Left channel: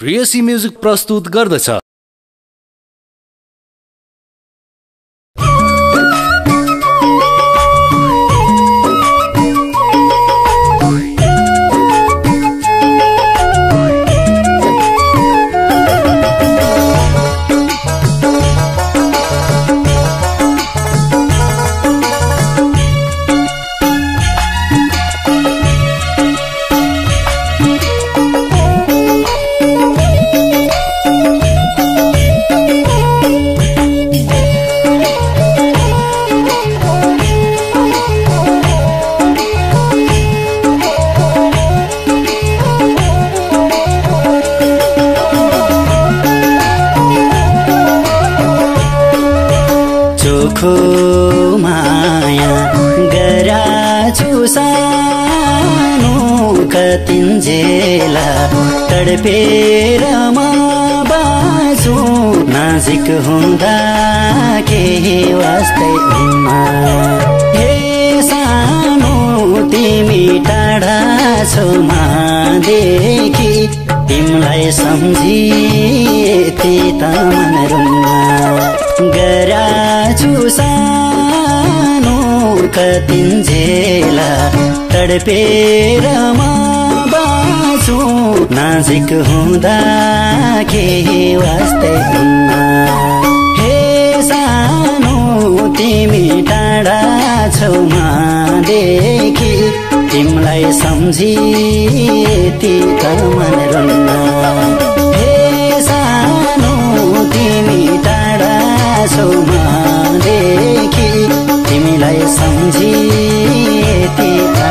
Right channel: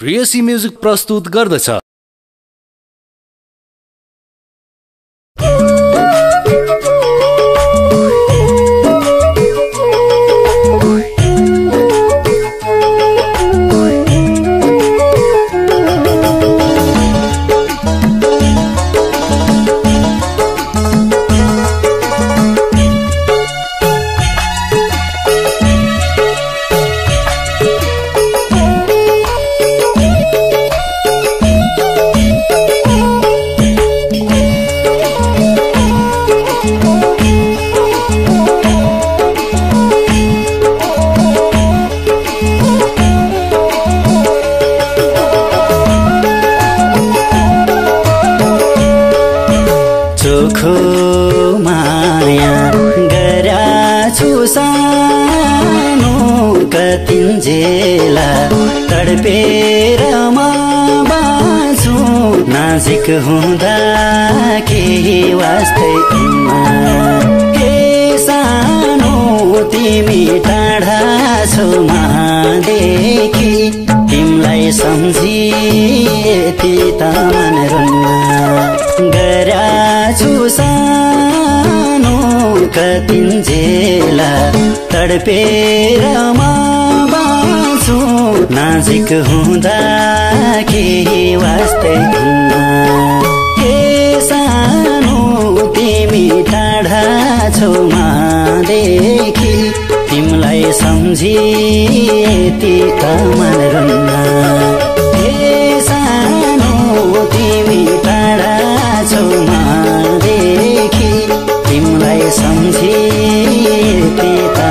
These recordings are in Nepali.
प्रेयसी म्युजिक प्रस्तुत गर्दछ। माया गराछु सानो कतिन्जेला तडपेर म बाँच्छु नाजिक हुँदा केही वास्तै हे सानो तिमी टाढा छौ महादेखि तिमीलाई सम्झी यति त गराछु सानो कतिन्जेला तडपेर म बाँच्छु नाजिक हुँदा केही वास्तै हे सानो तिमी टाढा छौ महादेखि तिमीलाई सम्झी यति त हे सानो तिमी टाढा छौ महादेखि तिमीलाई सम्झी यति त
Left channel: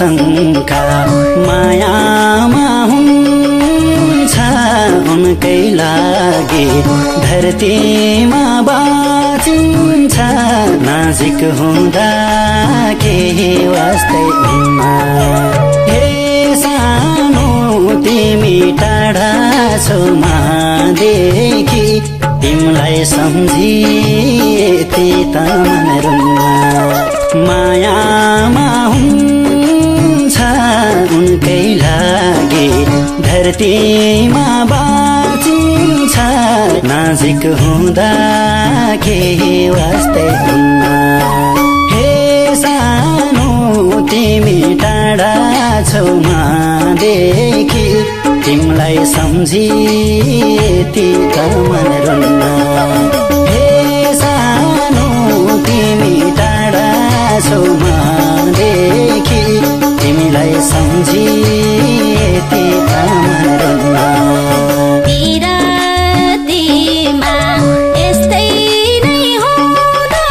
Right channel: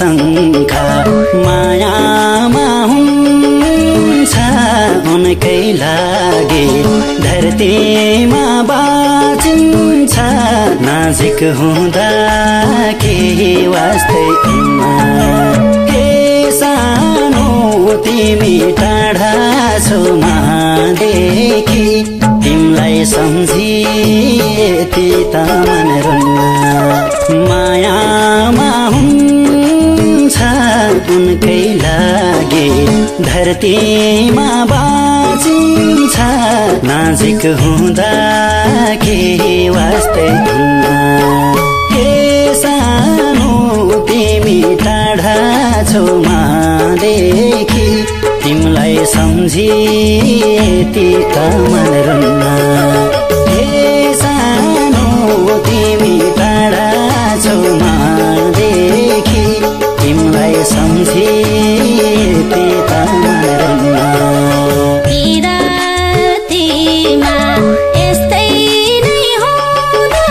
शङ्का मायामा हुन्छ उनकै लागि धरतीमा बाँचिन्छ नाजिक हुँदा केही वास्तै हे सानो तिमी टाढा छौ महादेखि तिमीलाई सम्झी यति त मायामा धरतीमा बाँचिन्छ नाजिक हुँदा केही वास्तै हे सानो तिमी टाढा छौ महादेखि तिमीलाई सम्झी यति त हे सानो तिमी टाढा छौ महादेखि तिमीलाई सम्झी यति तिरातीमा यस्तै नै हुँदो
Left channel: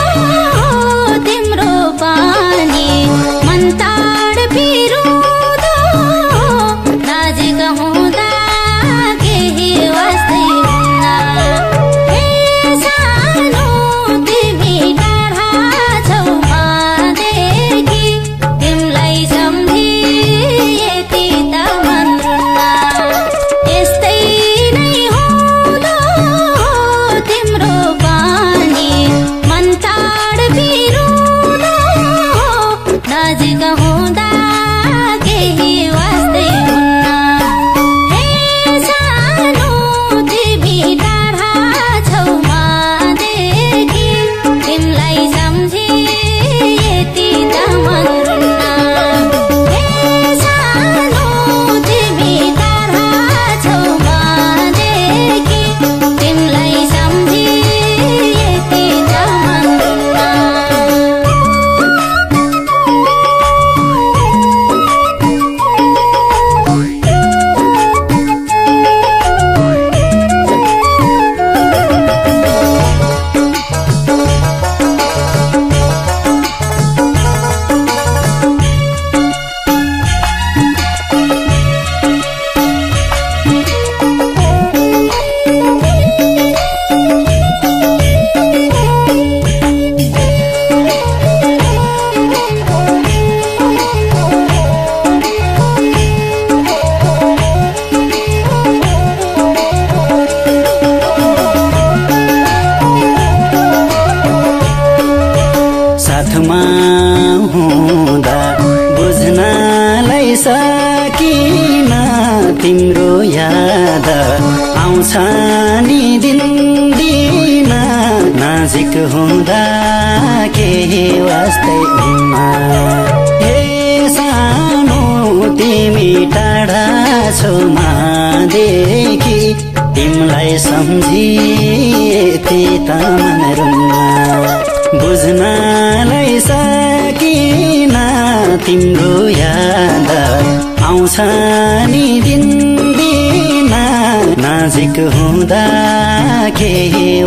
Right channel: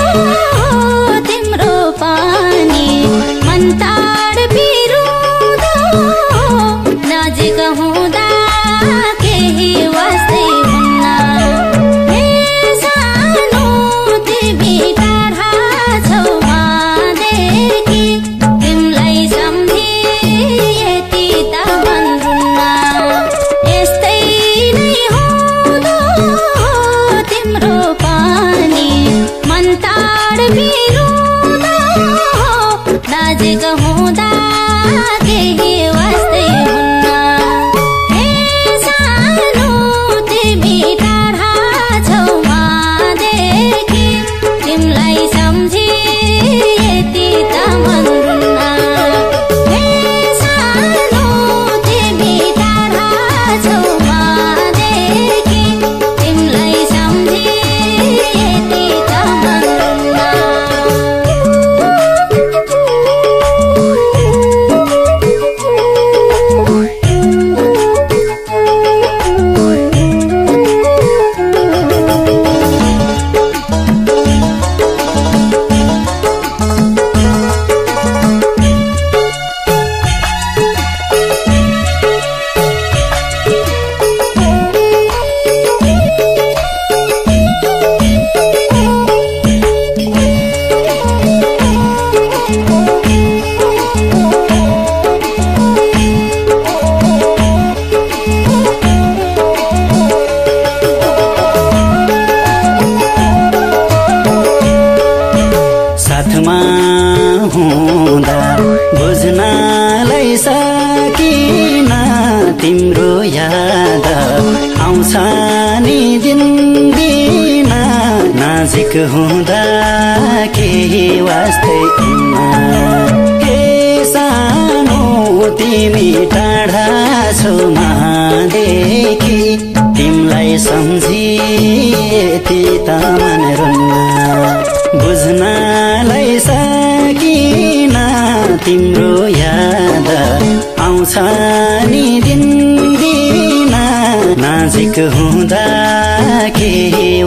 हुँदा बुझ्नलाई सकिन तिम्रो याद आउँछ नि दिन दिन नजिक हुँदा केही वास्ते हे सानो तिमी टाढा छौ नदेखि तिमीलाई सम्झी यति त बुझ्नलाई सकिन तिम्रो याद आउँछ नि दिन दिन नजिक हुँदा केही